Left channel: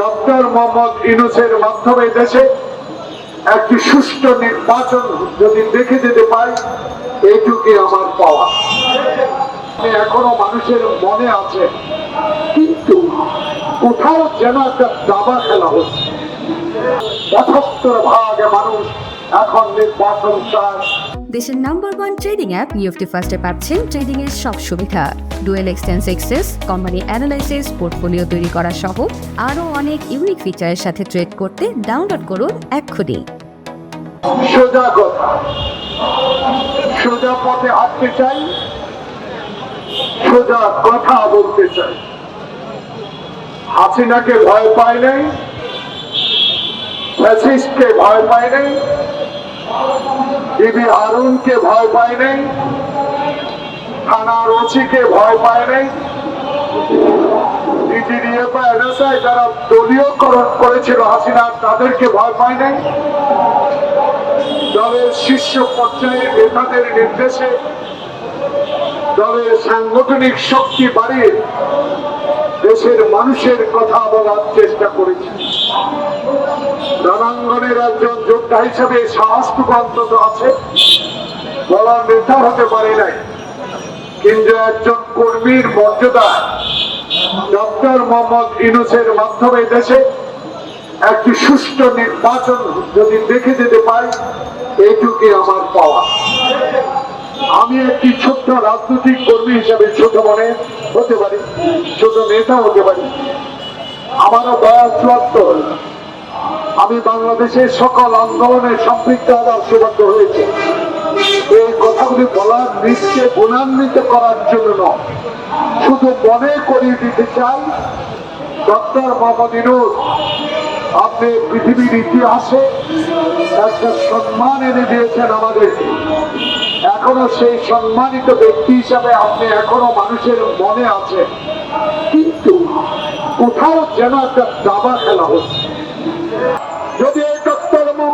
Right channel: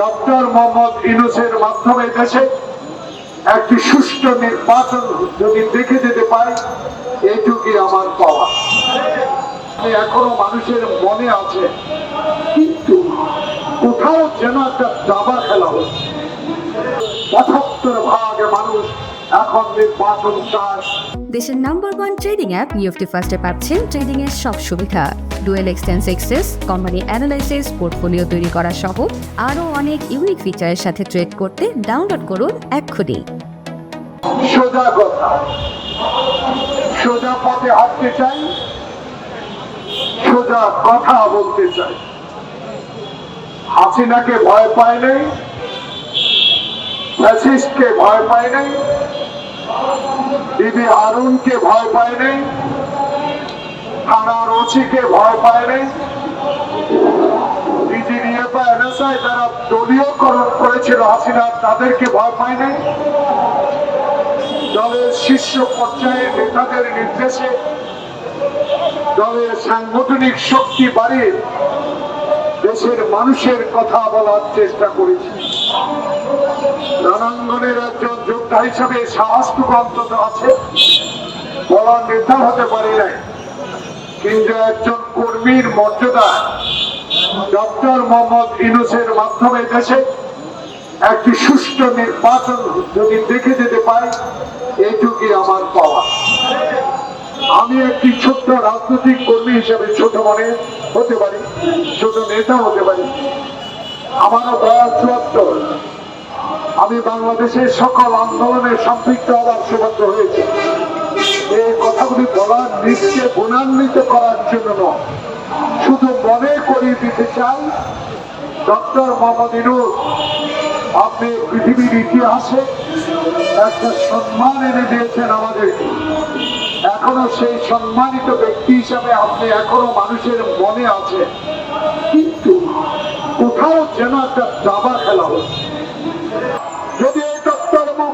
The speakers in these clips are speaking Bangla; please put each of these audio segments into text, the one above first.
ডক্টর মোহাম্মদ ইনুসের মাধ্যমে দেশে একটি সুষ্ঠু নির্বাচন যদি দেখে যেতে পাই এইটুকুই আমার পাওয়া। এখনও মানুষের মনে আছে, কিন্তু কোথাও যেন একটা দাবা খেলা হচ্ছে। পঁচাত্তর ভাগ মানুষ এখন নির্বাচন চায়। দেশের number one trading app UFT ফার্স্টে পাচ্ছেন ট্রেডিং এর সব সুবিধা। ডুয়েল এক্সটেন্স এক্সেস কোম্পানি অ্যানালাইসিস পোর্টফোলিও তৈরি করা সহ আরও অনেক ইউনিক ফিচারের সাথে ট্রেড করতে ডাউনলোড করুন এক্ষুনি। সোজা কথা সোজা পথে হাঁটতে চাই, সোজা কথা বলতে চাই। হাসিনাকে ভয় পায় নাই ভয় পায় নাই বিবি আরুনকে ভয় পায় নাই থানার ওসিকে ভয় পায় নাই। ডিজিডিএফ এনএসআই যারা দলীয়করণ করেছিল হাসিনা, তাদেরকে ভয় পায় নাই। দলের শীর্ষ পর্যায়ে নেতাদের নির্দেশে দলের সাংগঠনিক শক্তি বাড়িয়ে দেশের মানুষের কথা বলার চেষ্টা করেছি। রণাঙ্গনের একজন যোদ্ধা হিসেবে সাহসটুকু অন্তত আছে। বলার নেতা হতে পারে নাই। কিন্তু একজন কর্মীর মর্যাদা ডক্টর মোহাম্মদ ইনুসের মাধ্যমে দেশে একটি সুষ্ঠু নির্বাচন যদি দেখে যেতে পাই এইটুকুই আমার পাওয়া। আমি একটি ছোট্ট রাজনৈতিক কর্মী হিসেবে ছোট মনে হতে পারি, ছোট নেতা হতে পারি। আমারও দয়া চুয়াত্তর। আমি বাংলাদেশের সকল আন্দোলনে সম্পৃক্ত হওয়ার সৌভাগ্য হয়েছে। এই কথাগুলি বলার নিজকে গুণান্বিত করার জন্য নয়। শুধু মনে করিয়ে দিতে চাই, ডক্টর মোহাম্মদ ইনুস আপনি পৃথিবীর ইতিহাসে একটা সম্মান এনে দিয়েছেন আমাদেরকে। এখনও সেই সম্মানিত ব্যক্তি হিসাবে আপনি এখনও মানুষের মনে আছেন। কিন্তু কোথাও যেন একটা দাবা খেলা হচ্ছে।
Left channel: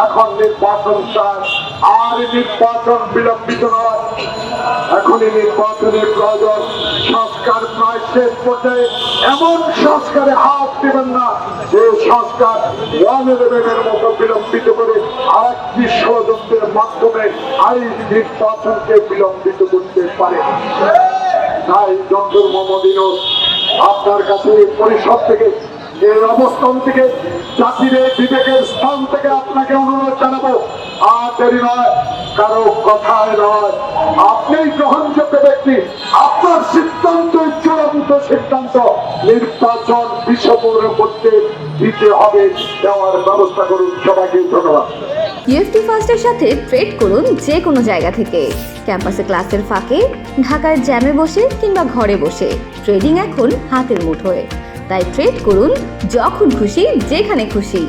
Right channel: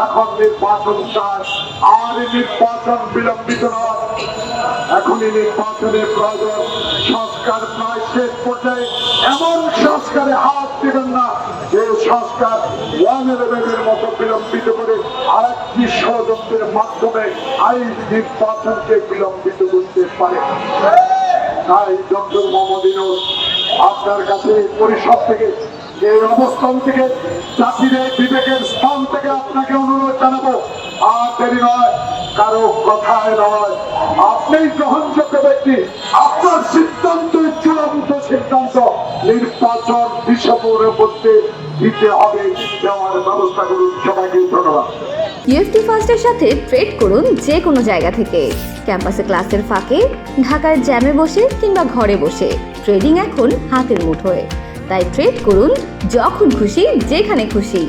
এখন নির্বাচন চায় আর নির্বাচন বিলম্বিত নয়। এখনই নির্বাচনের প্রয়োজন। সংস্কার প্রায় শেষ পর্যায়ে। এমন সংস্কারে হাত দেবেন না যে সংস্কার ওয়ান ইলেভেনের মতো বিলম্বিত করে আরেকটি ষড়যন্ত্রের মাধ্যমে আইন নির্বাচনকে বিলম্বিত করতে পারে। তাই ডক্টর মোহাম্মদ ইনুস আপনার কাছে পরিষদ থেকে, এই অবস্থান থেকে স্থান থেকে আপনাকে অনুরোধ জানাব, আর দেরি নয়, কারও কথায় নয়। আপনিই গ্রহণযোগ্য ব্যক্তি, আপনার সিদ্ধান্ত চূড়ান্ত সিদ্ধান্ত নির্বাচন ডিসেম্বরের মধ্যে দিতে হবে, দেওয়ার ব্যবস্থা করুন। সবাইকে ধন্যবাদ। ইউএফটি ফার্স্টের সাথে ট্রেড করুন যে কোনো জায়গা থেকে। ক্যাম্পাসে ক্লাসের ফাঁকে, ঢাকার জ্যামে বসে কিংবা ঘরে বসে। ট্রেডিং এখন হাতের মুঠোয়। তাই ট্রেড করুন যখন খুশি, যেখানে খুশি।